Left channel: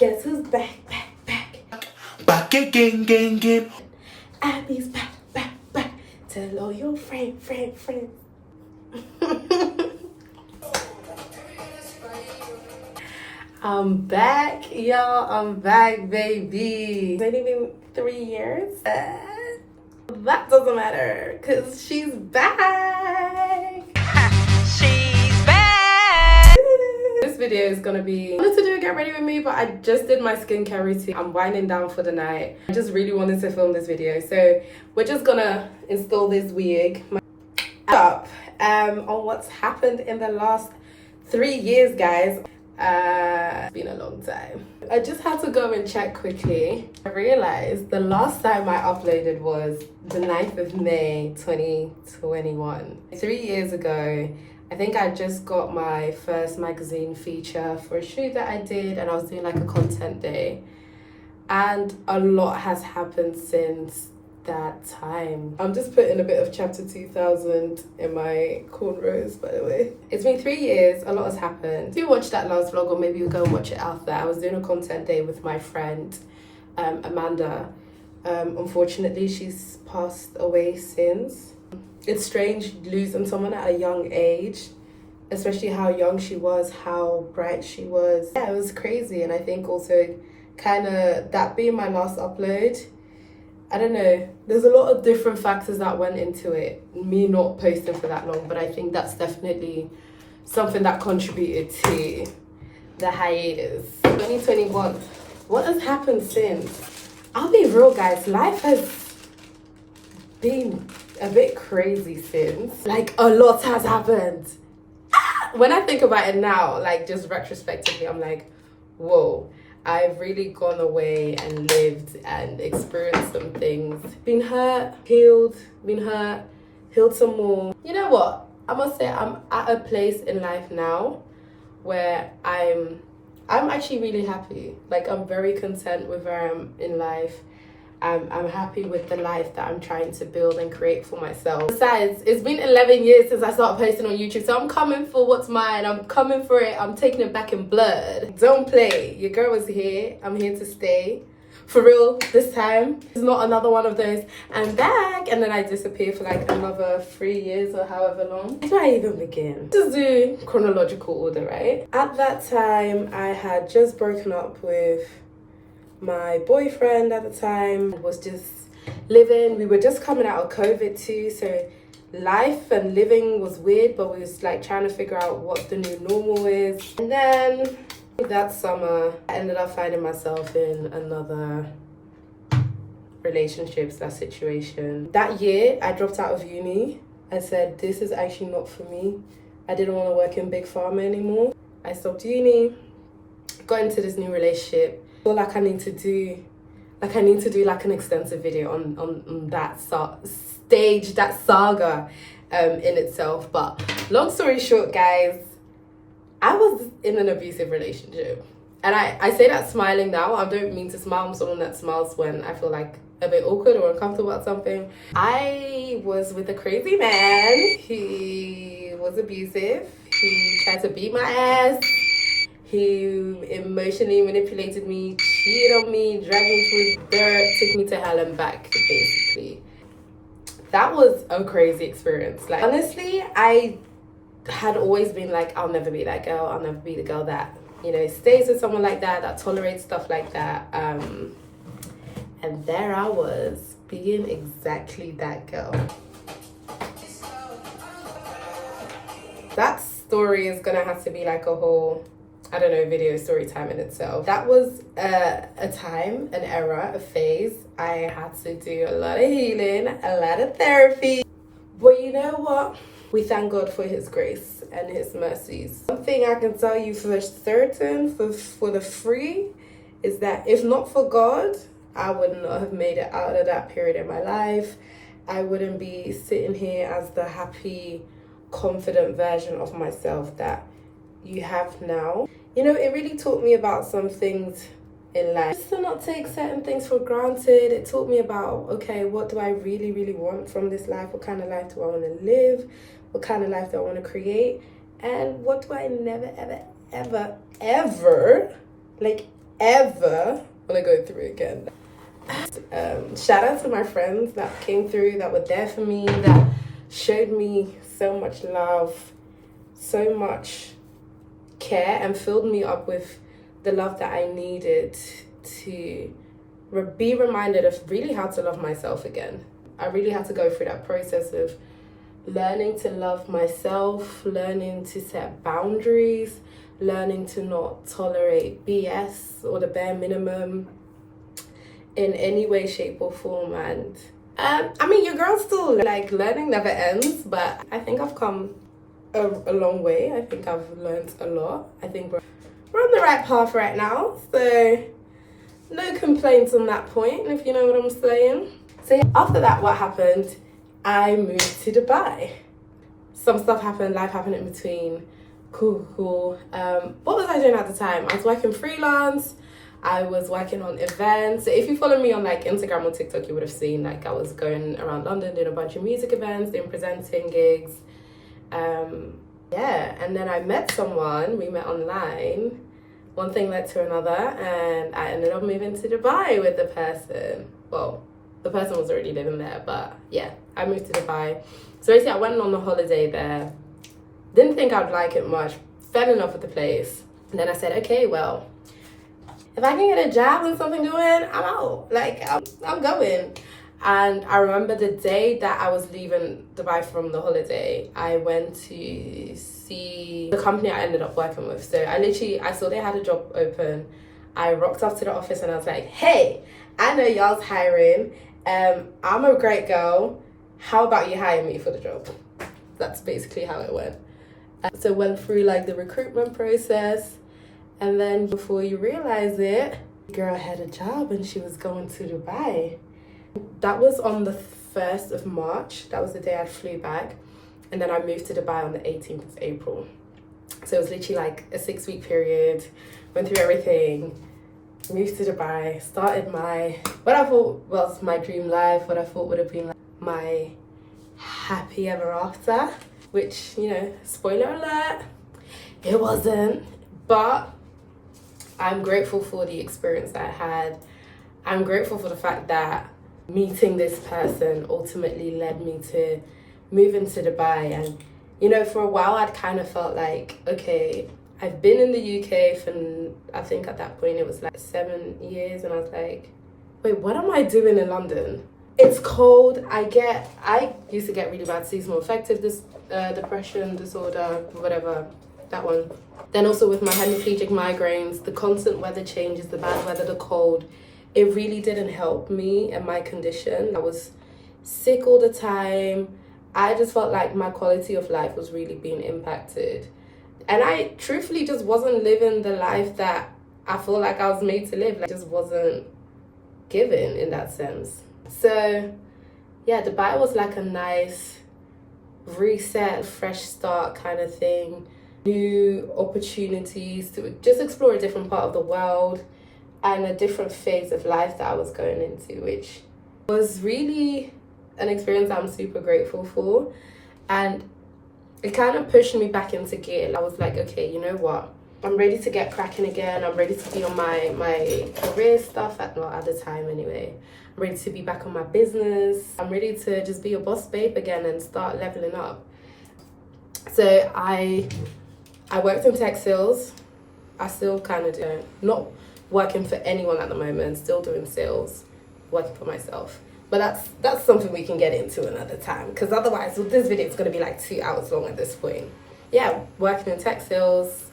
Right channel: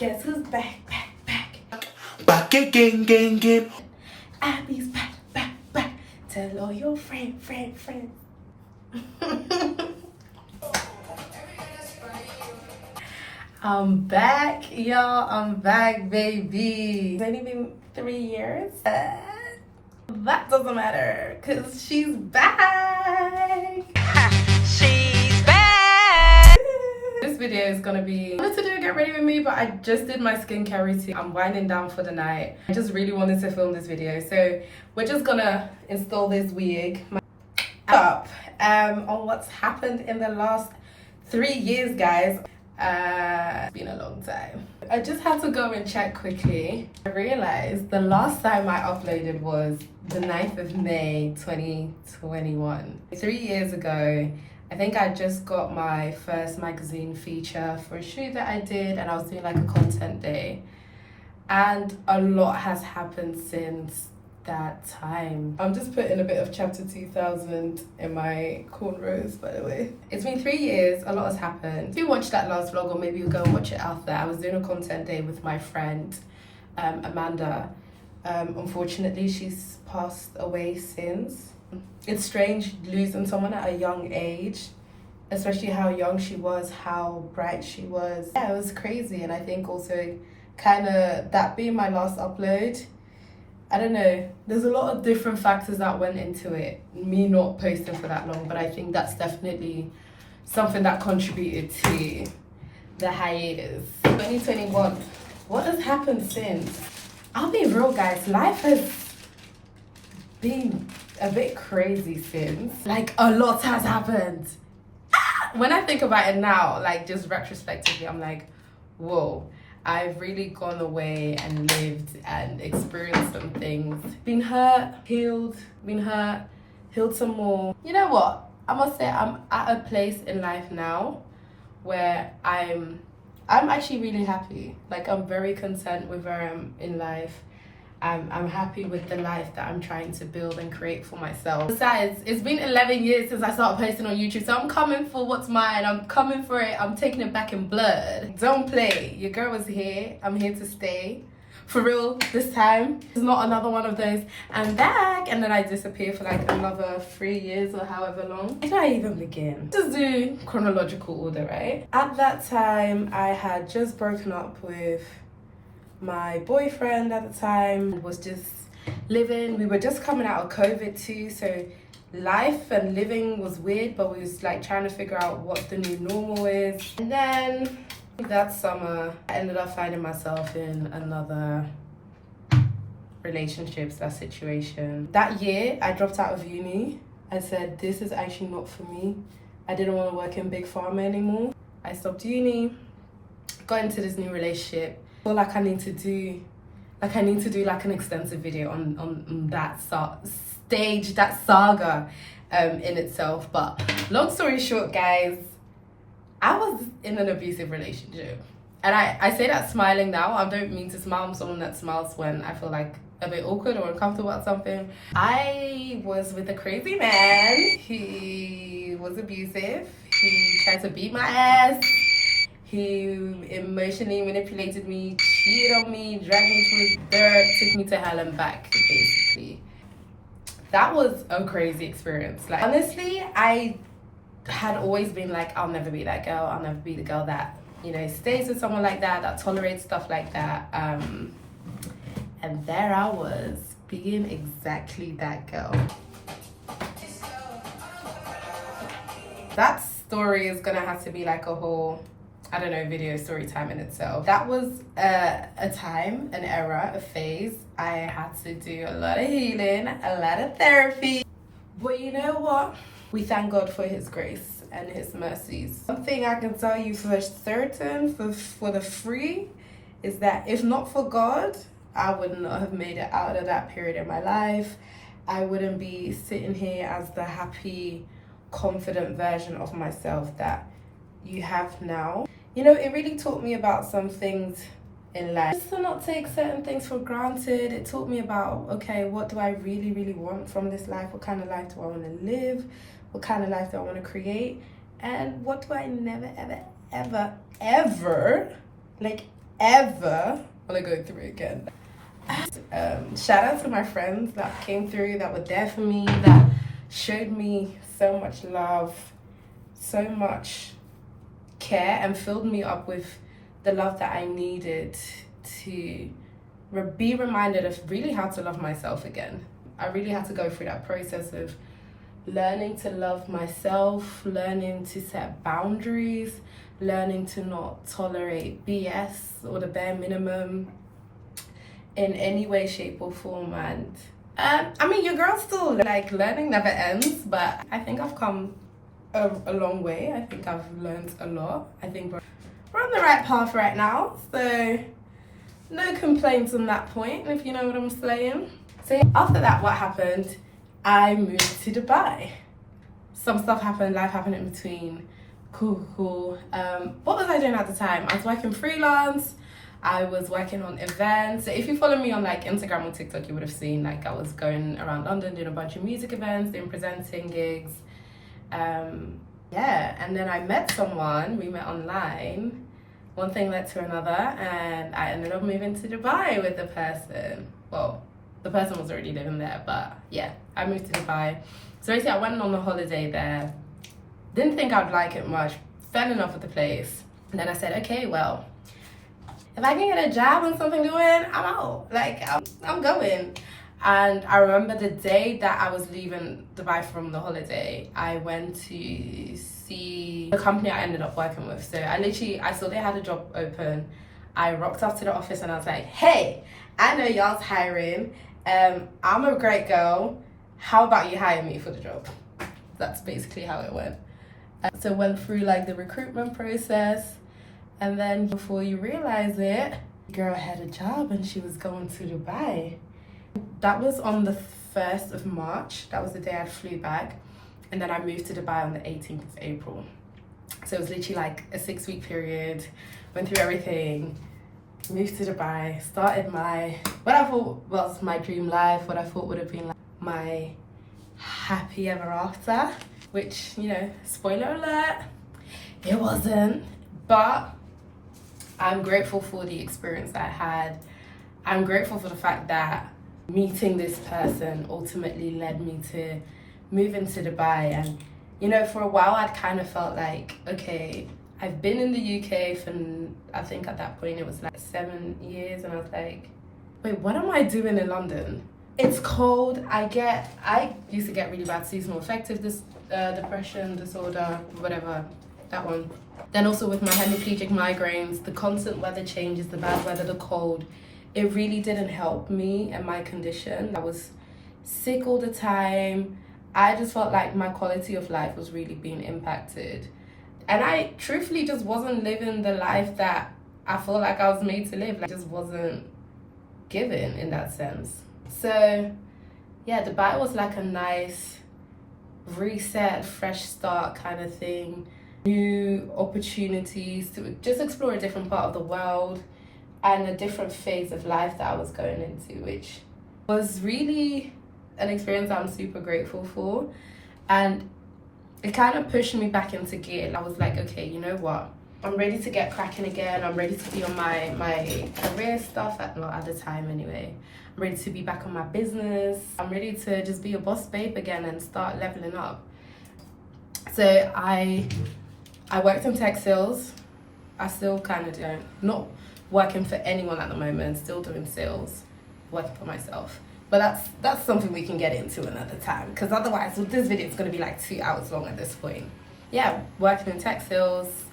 Guess who's back, back, back? Back again. Abby's back, back, back. Tell all your friends. I'm back, y'all. I'm back, baby. It's only been 3 years. That doesn't matter, because she's back. She's back. This video is gonna be, I wanted to do a get ready with me, but I just did my skincare routine. I'm winding down for the night. I just really wanted to film this video, so we're just gonna install this wig up on what's happened in the last 3 years, guys. It's been a long time. I just had to go and check quickly. I realized the last time I uploaded was the 9th of May 2021. 3 years ago, I think I just got my first magazine feature for a shoot that I did, and I was doing like a content day. And a lot has happened since that time. I'm just putting a bit of Chapter 2000 in my cornrows, by the way. It's been 3 years, a lot has happened. If you watched that last vlog, or maybe you'll go and watch it after, I was doing a content day with my friend, Amanda. Unfortunately, she's passed away since. It's strange losing someone at a young age, especially how young she was, how bright she was. Yeah, it was crazy. And I think also kind of that being my last upload, I don't know, there's a lot of different factors that went into it, me not posting for that long, but I think that's definitely something that contributed to the hiatus. 2021, what has happened since? I'll be real, guys, life has been a bit crazy since. Like, a lot has happened. When I think about it now, like just retrospectively, I'm like, whoa. I've really gone away and lived and experienced some things. Been hurt, healed, healed some more. You know what? I must say I'm at a place in life now where I'm actually really happy. Like, I'm very content with where I am in life. I'm happy with the life that I'm trying to build and create for myself. Besides, it's been 11 years since I started posting on YouTube, so I'm coming for what's mine. I'm coming for it. I'm taking it back in blood. Don't play. Your girl is here. I'm here to stay. For real, this time. It's not another one of those, I'm back, and then I disappear for like another 3 years or however long. Where do I even begin? Just do chronological order, right? At that time, I had just broken up with my boyfriend at the time. Was just living. We were just coming out of COVID too, so life and living was weird, but we was like trying to figure out what the new normal is. And then that summer, I ended up finding myself in another relationship / situation. That year, I dropped out of uni. I said, this is actually not for me. I didn't want to work in big pharma anymore. I stopped uni, got into this new relationship. I feel like I need to do like an extensive video on that stage, that saga in itself. But long story short, guys, I was in an abusive relationship. And I say that smiling now. I don't mean to smile. I'm someone that smiles when I feel like a bit awkward or uncomfortable about something. I was with a crazy man. He was abusive. He tried to beat my ass. He emotionally manipulated me, cheated on me, dragged me through dirt, took me to hell and back, basically. That was a crazy experience. Like, honestly, I had always been like, I'll never be that girl. I'll never be the girl that, you know, stays with someone like that tolerates stuff like that. And there I was, being exactly that girl. That story is gonna have to be like a whole, I don't know, video story time in itself. That was a time, an era, a phase. I had to do a lot of healing, a lot of therapy. But you know what? We thank God for his grace and his mercies. One thing I can tell you for certain, for the free, is that if not for God, I would not have made it out of that period in my life. I wouldn't be sitting here as the happy, confident version of myself that you have now. You know, it really taught me about some things in life. Just to not take certain things for granted. It taught me about, okay, what do I really, really want from this life? What kind of life do I want to live? What kind of life do I want to create? And what do I never, ever, ever, ever, like ever want to go through again. Shout out to my friends that came through, that were there for me, that showed me so much love, so much care, and filled me up with the love that I needed to be reminded of really how to love myself again. I really had to go through that process of learning to love myself, learning to set boundaries, learning to not tolerate BS or the bare minimum in any way, shape or form. And I mean, your girl's still like learning, never ends, but I think I've come a long way. I think I've learned a lot. I think we're on the right path right now, so no complaints on that point, if you know what I'm saying. So after that, what happened? I moved to Dubai. Some stuff happened, life happened in between. Cool. What was I doing at the time? I was working freelance. I was working on events. So if you follow me on like Instagram or TikTok, you would have seen like I was going around London doing a bunch of music events, doing presenting gigs. And then I met someone, we met online. One thing led to another, and I ended up moving to Dubai with the person. Well, the person was already living there, but yeah, I moved to Dubai. So basically I went on a holiday there. Didn't think I'd like it much. Fell in love with the place. And then I said, okay, well, if I can get a job and something going, I'm out. Like, I'm going. And I remember the day that I was leaving Dubai from the holiday, I went to see the company I ended up working with. So I saw they had a job open. I rocked up to the office and I was like, hey, I know y'all's hiring. I'm a great girl. How about you hire me for the job? That's basically how it went. So went through like the recruitment process, and then before you realize it, the girl had a job and she was going to Dubai. That was on the 1st of March. That was the day I flew back, and then I moved to Dubai on the 18th of April. So it was literally like a 6-week period. Went through everything, moved to Dubai, started what I thought was my dream life, what I thought would have been like my happy ever after, which, you know, spoiler alert, it wasn't. But I'm grateful for the experience that I had. I'm grateful for the fact that meeting this person ultimately led me to move into Dubai. And, you know, for a while I'd kind of felt like, okay, I've been in the UK for, I think at that point it was like 7 years, and I was like, wait, what am I doing in London? It's cold. I used to get really bad seasonal affective depression disorder, whatever, that one. Then also with my hemiplegic migraines, the constant weather changes, the bad weather, the cold, it really didn't help me and my condition. I was sick all the time. I just felt like my quality of life was really being impacted. And I truthfully just wasn't living the life that I feel like I was made to live. Like, I just wasn't given in that sense. So yeah, Dubai was like a nice reset, fresh start kind of thing. New opportunities to just explore a different part of the world and a different phase of life that I was going into, which was really an experience I'm super grateful for. And it kind of pushed me back into gear. I was like, okay, you know what? I'm ready to get cracking again. I'm ready to be on my career stuff at the time anyway. I'm ready to be back on my business. I'm ready to just be a boss babe again and start leveling up. So I worked in tech sales. I still kind of do. Not working for anyone at the moment, still doing sales, working for myself. But that's something we can get into another time, because otherwise this video is going to be like 2 hours long at this point. Yeah, working in tech sales,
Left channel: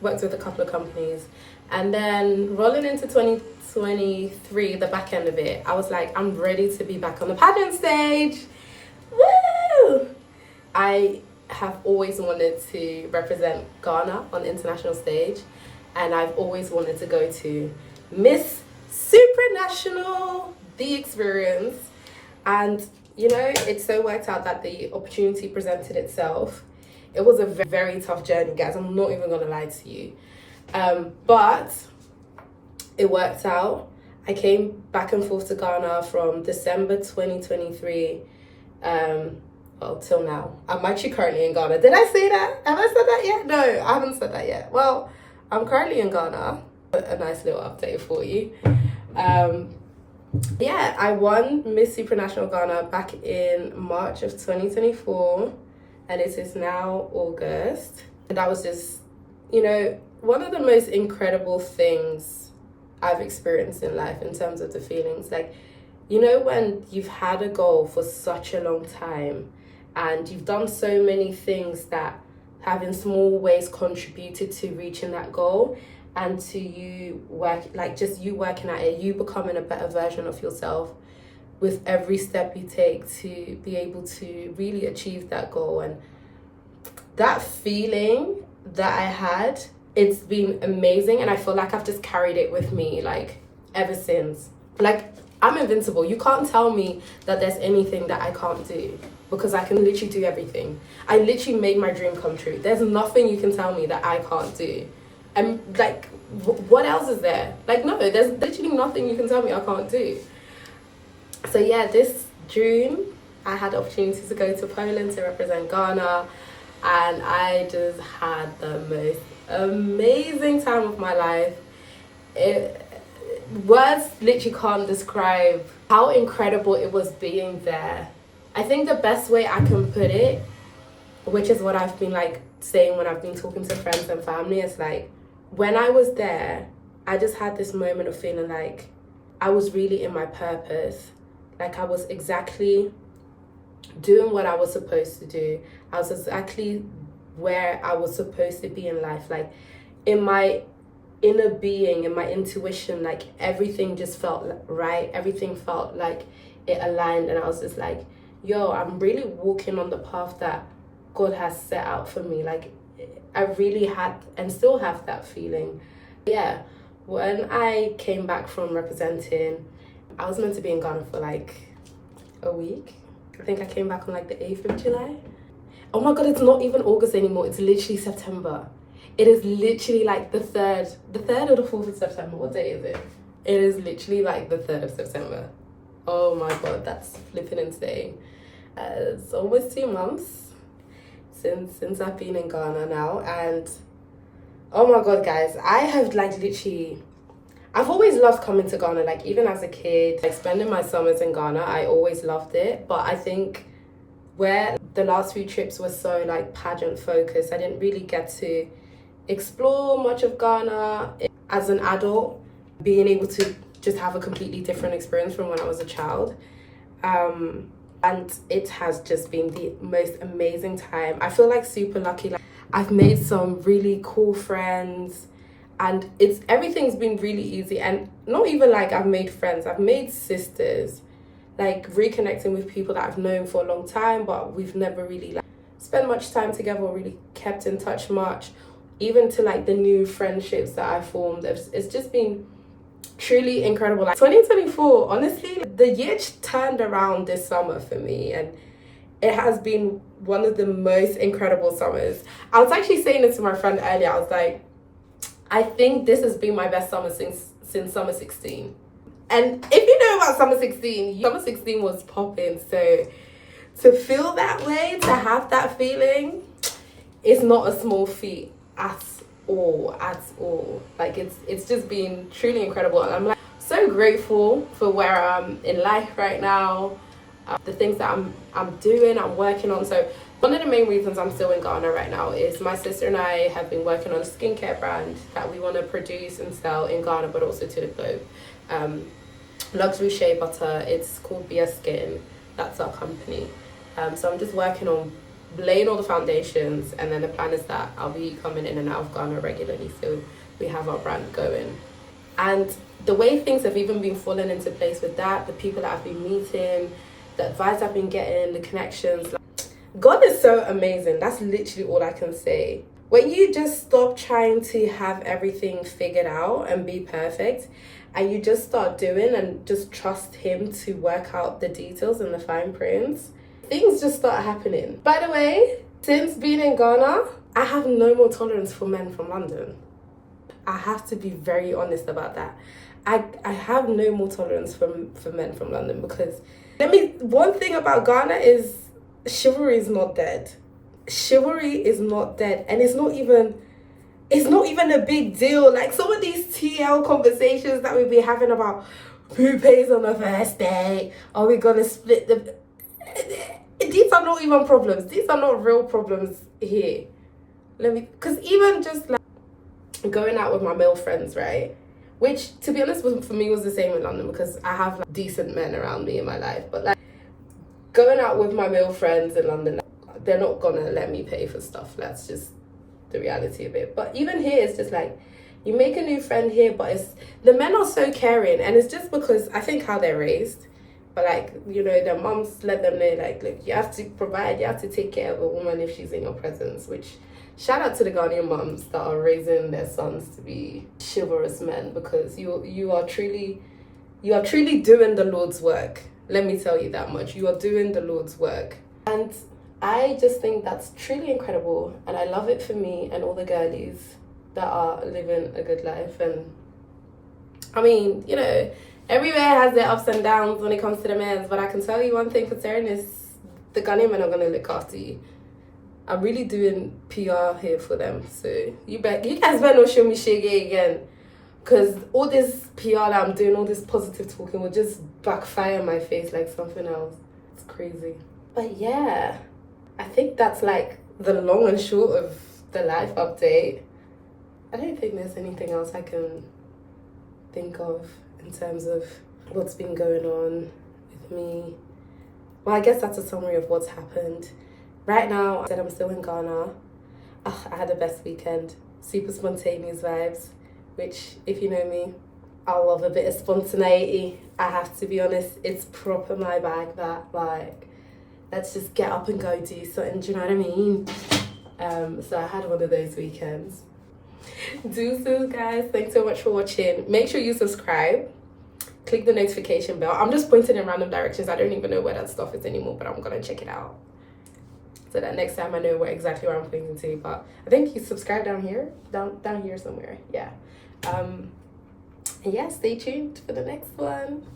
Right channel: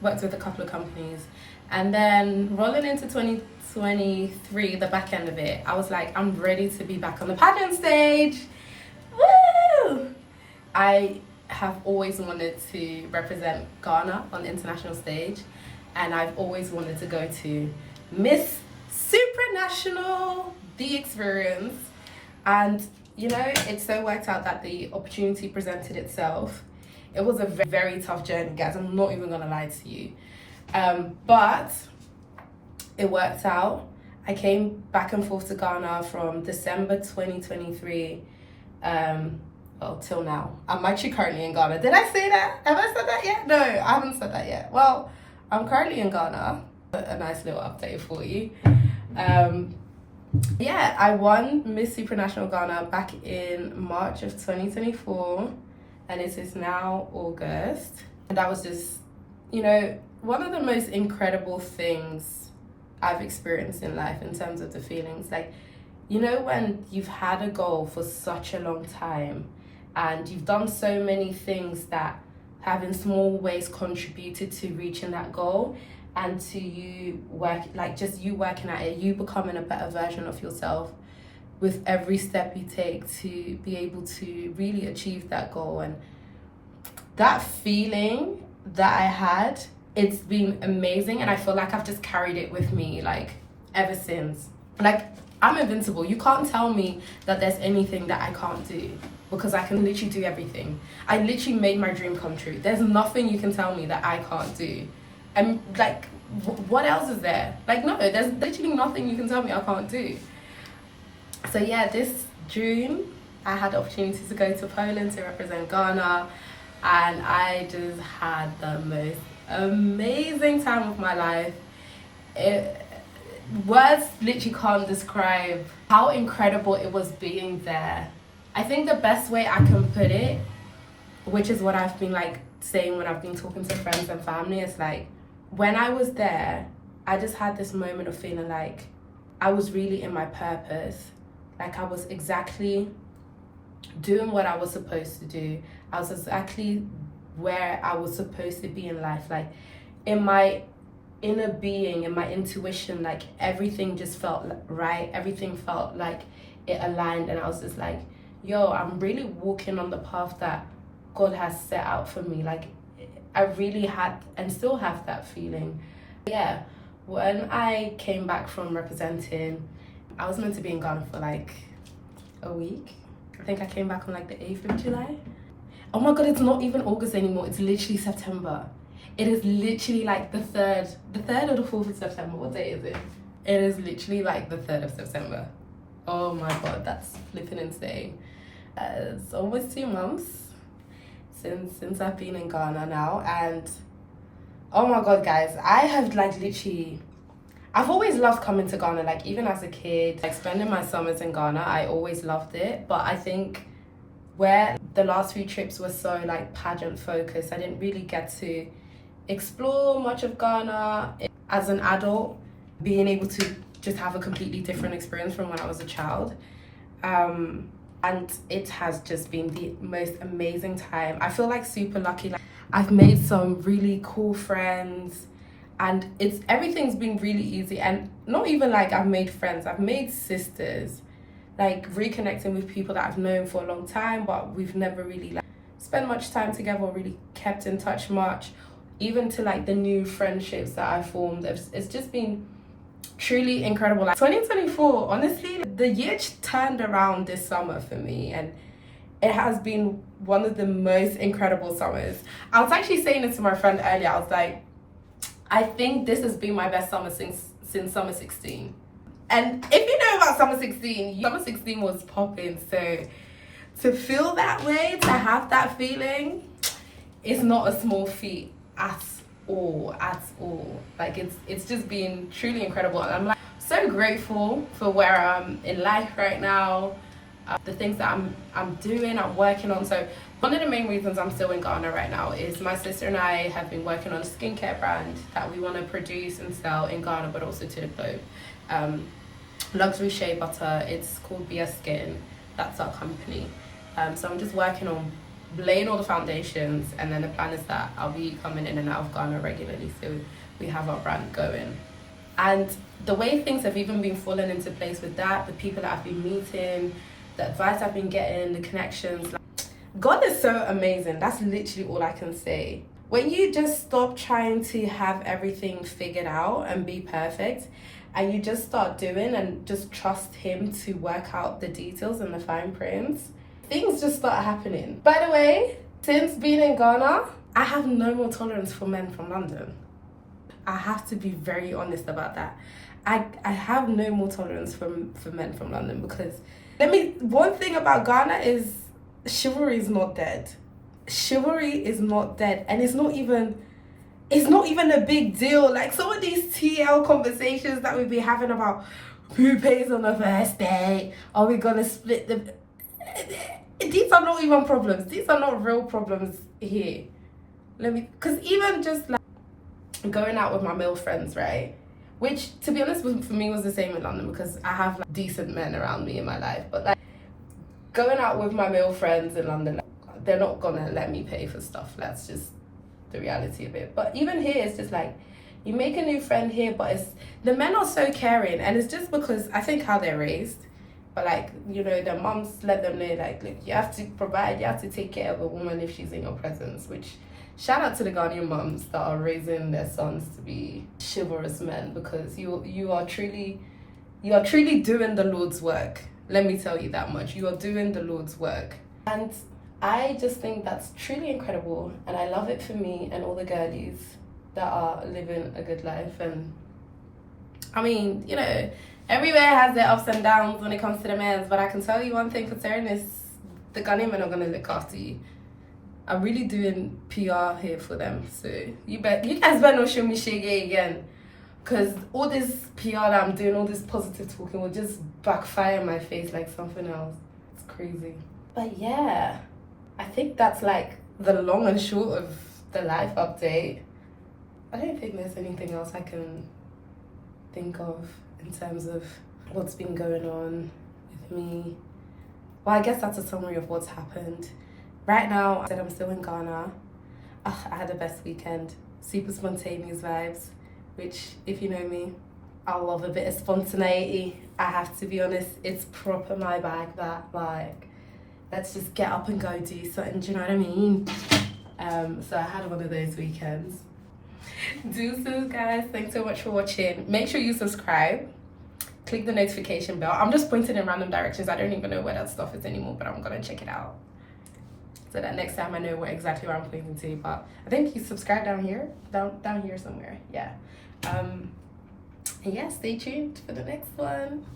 worked with a couple of companies, and then rolling into 2023, the back end of it, I was like, I'm ready to be back on the pageant stage. Woo! I have always wanted to represent Ghana on the international stage, and I've always wanted to go to Miss Supranational, the experience. And you know, it so worked out that the opportunity presented itself. It was a very tough journey, guys. I'm not even gonna lie to you, but it worked out. I came back and forth to Ghana from December 2023 till now. I'm actually currently in Ghana. Did I say that? Have I said that yet? No, I haven't said that yet. Well, I'm currently in Ghana. A nice little update for you. Yeah, I won Miss Supranational Ghana back in March of 2024, and it is now August. And that was just, you know, one of the most incredible things I've experienced in life in terms of the feelings. Like, you know, when you've had a goal for such a long time and you've done so many things that have in small ways contributed to reaching that goal, and to you working at it, you becoming a better version of yourself with every step you take to be able to really achieve that goal. And that feeling that I had, it's been amazing, and I feel like I've just carried it with me like ever since. Like, I'm invincible. You can't tell me that there's anything that I can't do, because I can literally do everything. I literally made my dream come true. There's nothing you can tell me that I can't do. And like, what else is there? Like, no, there's literally nothing you can tell me I can't do. So yeah, this June I had the opportunity to go to Poland to represent Ghana, and I just had the most amazing time of my life. Words literally can't describe how incredible it was being there. I think the best way I can put it, which is what I've been like saying when I've been talking to friends and family, is like, when I was there, I just had this moment of feeling like I was really in my purpose. Like, I was exactly doing what I was supposed to do. I was exactly where I was supposed to be in life. Like, in my inner being, in my intuition, like, everything just felt right. Everything felt like it aligned. And I was just like, yo, I'm really walking on the path that God has set out for me. Like, I really had and still have that feeling. Yeah, when I came back from representing, I was meant to be in Ghana for like a week. I think I came back on like the 8th of July. Oh my God, it's not even August anymore. It's literally September. It is literally like the 3rd or the 4th of September. What day is it? It is literally like the 3rd of September. Oh my God, that's flipping insane. It's almost 2 months since I've been in Ghana now, and oh my God, guys, I have like literally, I've always loved coming to Ghana. Like, even as a kid, like spending my summers in Ghana, I always loved it. But I think where the last few trips were so like pageant focused, I didn't really get to explore much of Ghana as an adult, being able to just have a completely different experience from when I was a child. And it has just been the most amazing time. I feel like super lucky. Like, I've made some really cool friends, and everything's been really easy. And not even like I've made friends, I've made sisters. Like, reconnecting with people that I've known for a long time, but we've never really like spent much time together or really kept in touch much. Even to like the new friendships that I formed, it's just been truly incredible. Like, 2024, honestly, the year turned around this summer for me, and it has been one of the most incredible summers. I was actually saying this to my friend earlier. I was like, I think this has been my best summer since summer 16. And if you know about summer 16 was popping. So to feel that way, to have that feeling, it's not a small feat at all. Like, it's just been truly incredible, and I'm like so grateful for where I'm in life right now, the things that I'm doing, I'm working on. So one of the main reasons I'm still in Ghana right now is my sister and I have been working on a skincare brand that we want to produce and sell in Ghana, but also to the globe. Luxury shea butter. It's called BS Skin. That's our company. So I'm just working on laying all the foundations, and then the plan is that I'll be coming in and out of Ghana regularly, so we have our brand going. And the way things have even been falling into place with that, the people that I've been meeting, the advice I've been getting, the connections, like, God is so amazing. That's literally all I can say. When you just stop trying to have everything figured out and be perfect, and you just start doing and just trust him to work out the details and the fine prints, things just start happening. By the way, since being in Ghana, I have no more tolerance for men from London. I have to be very honest about that. I have no more tolerance for men from London, because one thing about Ghana is chivalry is not dead. Chivalry is not dead, and it's not even it's not even a big deal. Like some of these TL conversations that we be having about who pays on the first day, are we gonna split the... These are not even problems. These are not real problems here. Because even just like going out with my male friends, right? Which, to be honest, for me was the same in London because I have like decent men around me in my life. But like going out with my male friends in London, like, they're not gonna let me pay for stuff. That's just the reality of it. But even here, it's just like you make a new friend here, but it's the men are so caring, and it's just because I think how they're raised. But like, you know, their moms let them know, like, look, you have to provide, you have to take care of a woman if she's in your presence. Which, shout out to the Ghanaian moms that are raising their sons to be chivalrous men, because you are truly doing the Lord's work. Let me tell you that much. You are doing the Lord's work. And I just think that's truly incredible, and I love it for me and all the girlies that are living a good life. And I mean, you know, everywhere has their ups and downs when it comes to the men, but I can tell you one thing for certain is the Ghanaian men are gonna look after you. I'm really doing PR here for them, so you guys better not show me shege again, because all this PR that I'm doing, all this positive talking will just backfire in my face like something else. It's crazy. But yeah, I think that's like the long and short of the life update. I don't think there's anything else I can think of in terms of what's been going on with me. Well, I guess that's a summary of what's happened. Right now, I said I'm still in Ghana. I had the best weekend. Super spontaneous vibes, which, if you know me, I love a bit of spontaneity. I have to be honest, it's proper my bag, that, like, let's just get up and go do something, do you know what I mean? So I had one of those weekends. Deuces, guys. Thanks so much for watching. Make sure you subscribe. Click the notification bell. I'm just pointing in random directions. I don't even know where that stuff is anymore, but I'm gonna check it out so that next time I know exactly where I'm pointing to. But I think you subscribe down here, down here somewhere. Yeah. And yeah, stay tuned for the next one.